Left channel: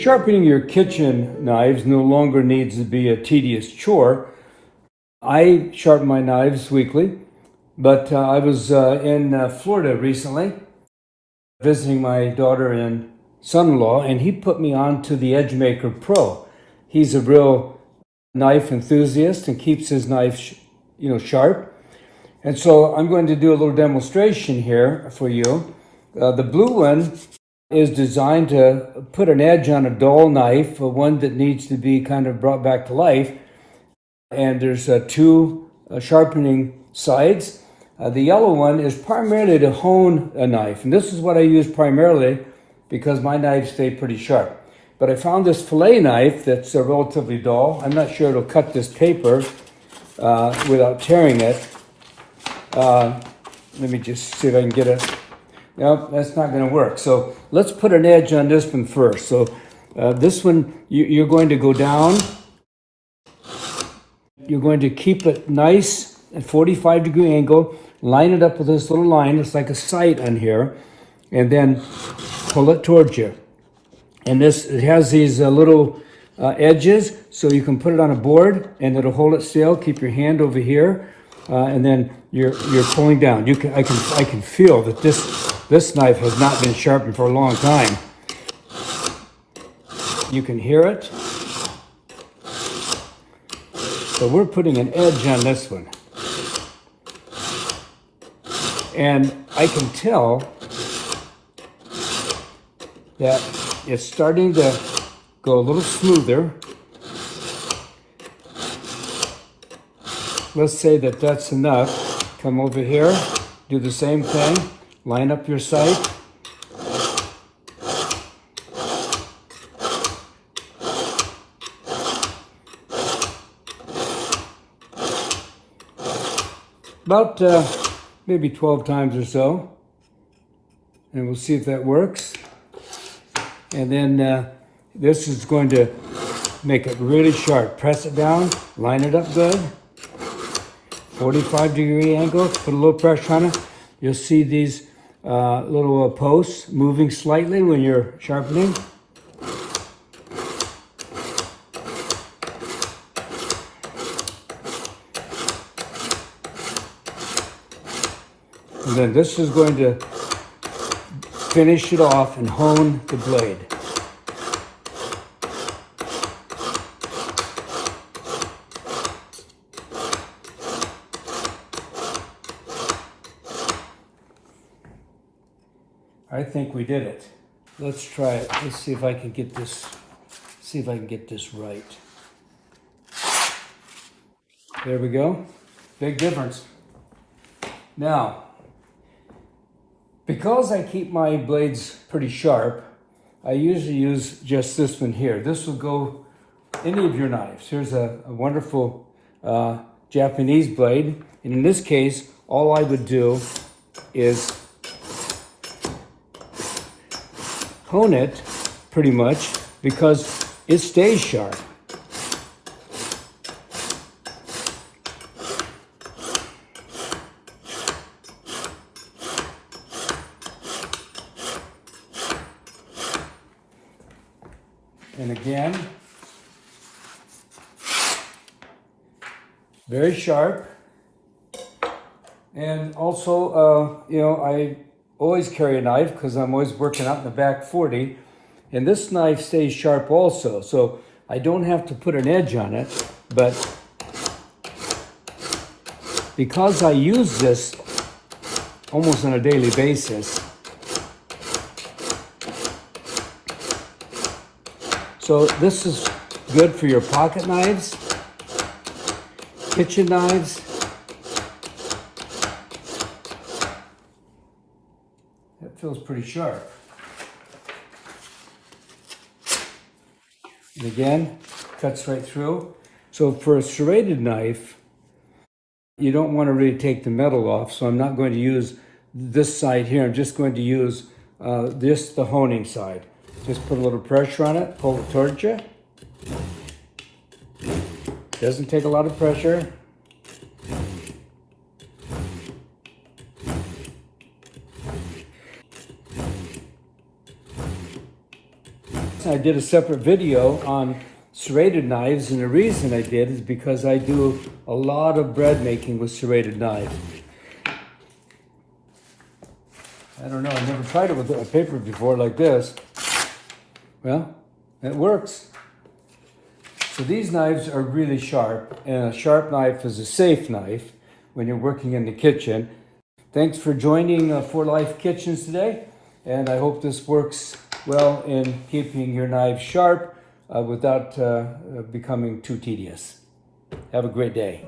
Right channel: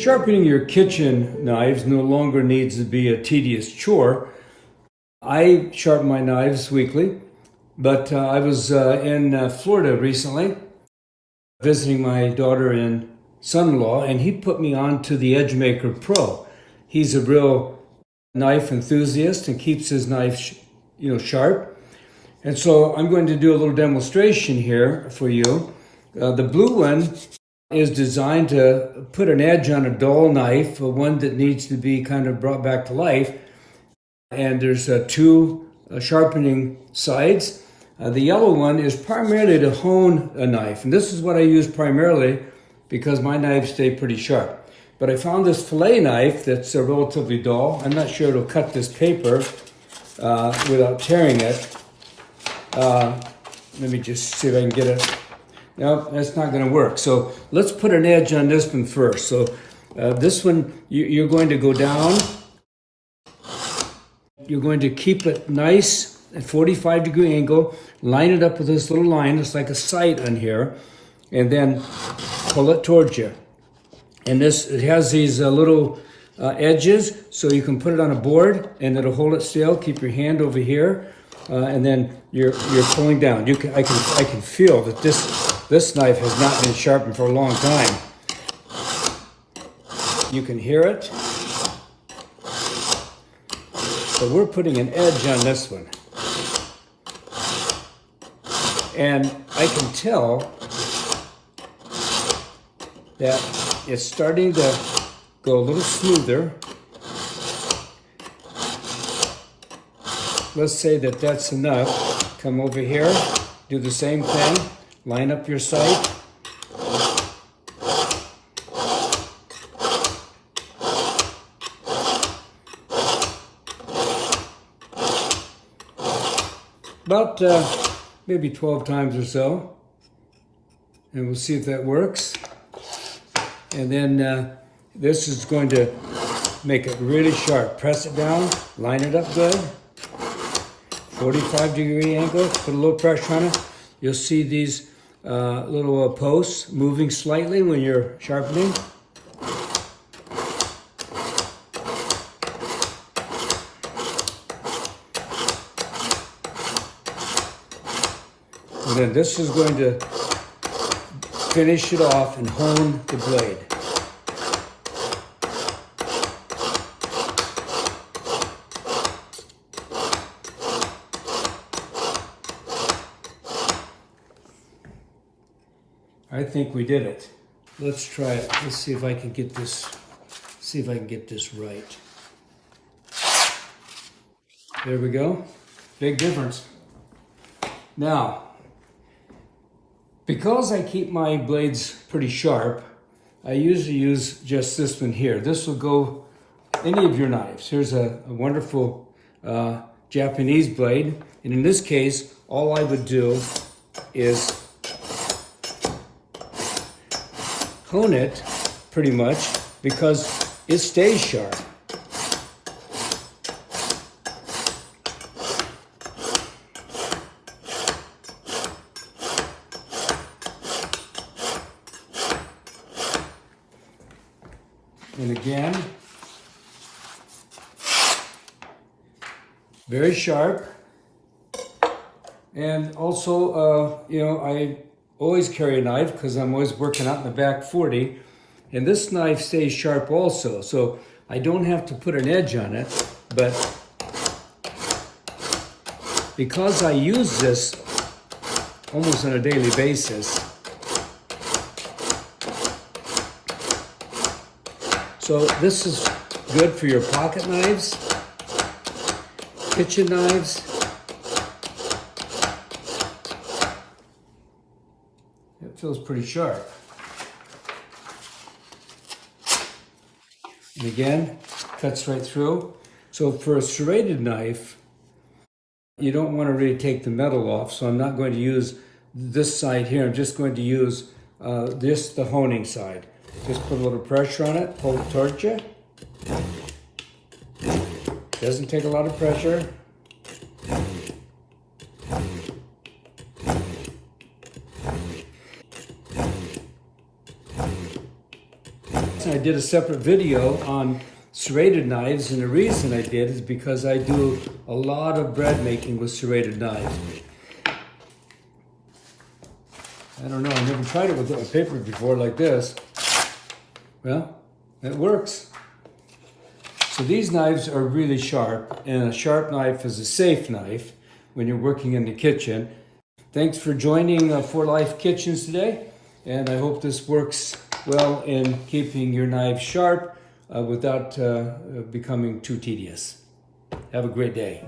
Sharpening your kitchen knives no longer needs to be a tedious chore. I sharpen my knives weekly, but I was in Florida recently visiting my daughter and son-in-law, and he put me on to the EdgeMaker Pro. He's a real knife enthusiast and keeps his knives, sharp. And so I'm going to do a little demonstration here for you. The blue one is designed to put an edge on a dull knife, one that needs to be kind of brought back to life. And there's two sharpening sides. The yellow one is primarily to hone a knife. And this is what I use primarily because my knives stay pretty sharp. But I found this fillet knife that's relatively dull. I'm not sure it'll cut this paper without tearing it. Let me just see if I can get it. No, that's not going to work. So let's put an edge on this one first. So this one, you're going to go down. You're going to keep it nice at 45-degree angle. Line it up with this little line. It's like a sight on here. And then pull it towards you. And it has these little edges, so you can put it on a board and it'll hold it still. Keep your hand over here. And then you're pulling down. I can feel that this knife has not been sharpened for a long time. You can hear it. So we're putting an edge on this one. And I can tell that it's starting to go a little smoother. Let's say that that's enough. Come over here, do the same thing. Line up your sight. About maybe 12 times or so. And we'll see if that works. And then this is going to make it really sharp. Press it down, line it up good. 45-degree angle, put a little pressure on it. You'll see these little posts moving slightly when you're sharpening. And then this is going to finish it off and hone the blade. I think we did it. Let's try it. Let's see if I can get this. See if I can get this right. There we go. Big difference. Now, because I keep my blades pretty sharp, I usually use just this one here. This will go any of your knives. Here's a wonderful Japanese blade. And in this case, all I would do is hone it pretty much because it stays sharp. And again, very sharp. And also, I always carry a knife because I'm always working out in the back 40. And this knife stays sharp also. So I don't have to put an edge on it, but because I use this almost on a daily basis, so this is good for your pocket knives, kitchen knives. It feels pretty sharp. And again, cuts right through. So for a serrated knife, you don't want to really take the metal off. So I'm not going to use this side here. I'm just going to use the honing side. Just put a little pressure on it, pull it towards you. Doesn't take a lot of pressure. I did a separate video on serrated knives, and the reason I did is because I do a lot of bread making with serrated knives. I don't know, I never tried it with a paper before like this. Well, it works. So these knives are really sharp, and a sharp knife is a safe knife when you're working in the kitchen. Thanks for joining For Life Kitchens today, and I hope this works well in keeping your knives sharp without becoming too tedious. Have a great day.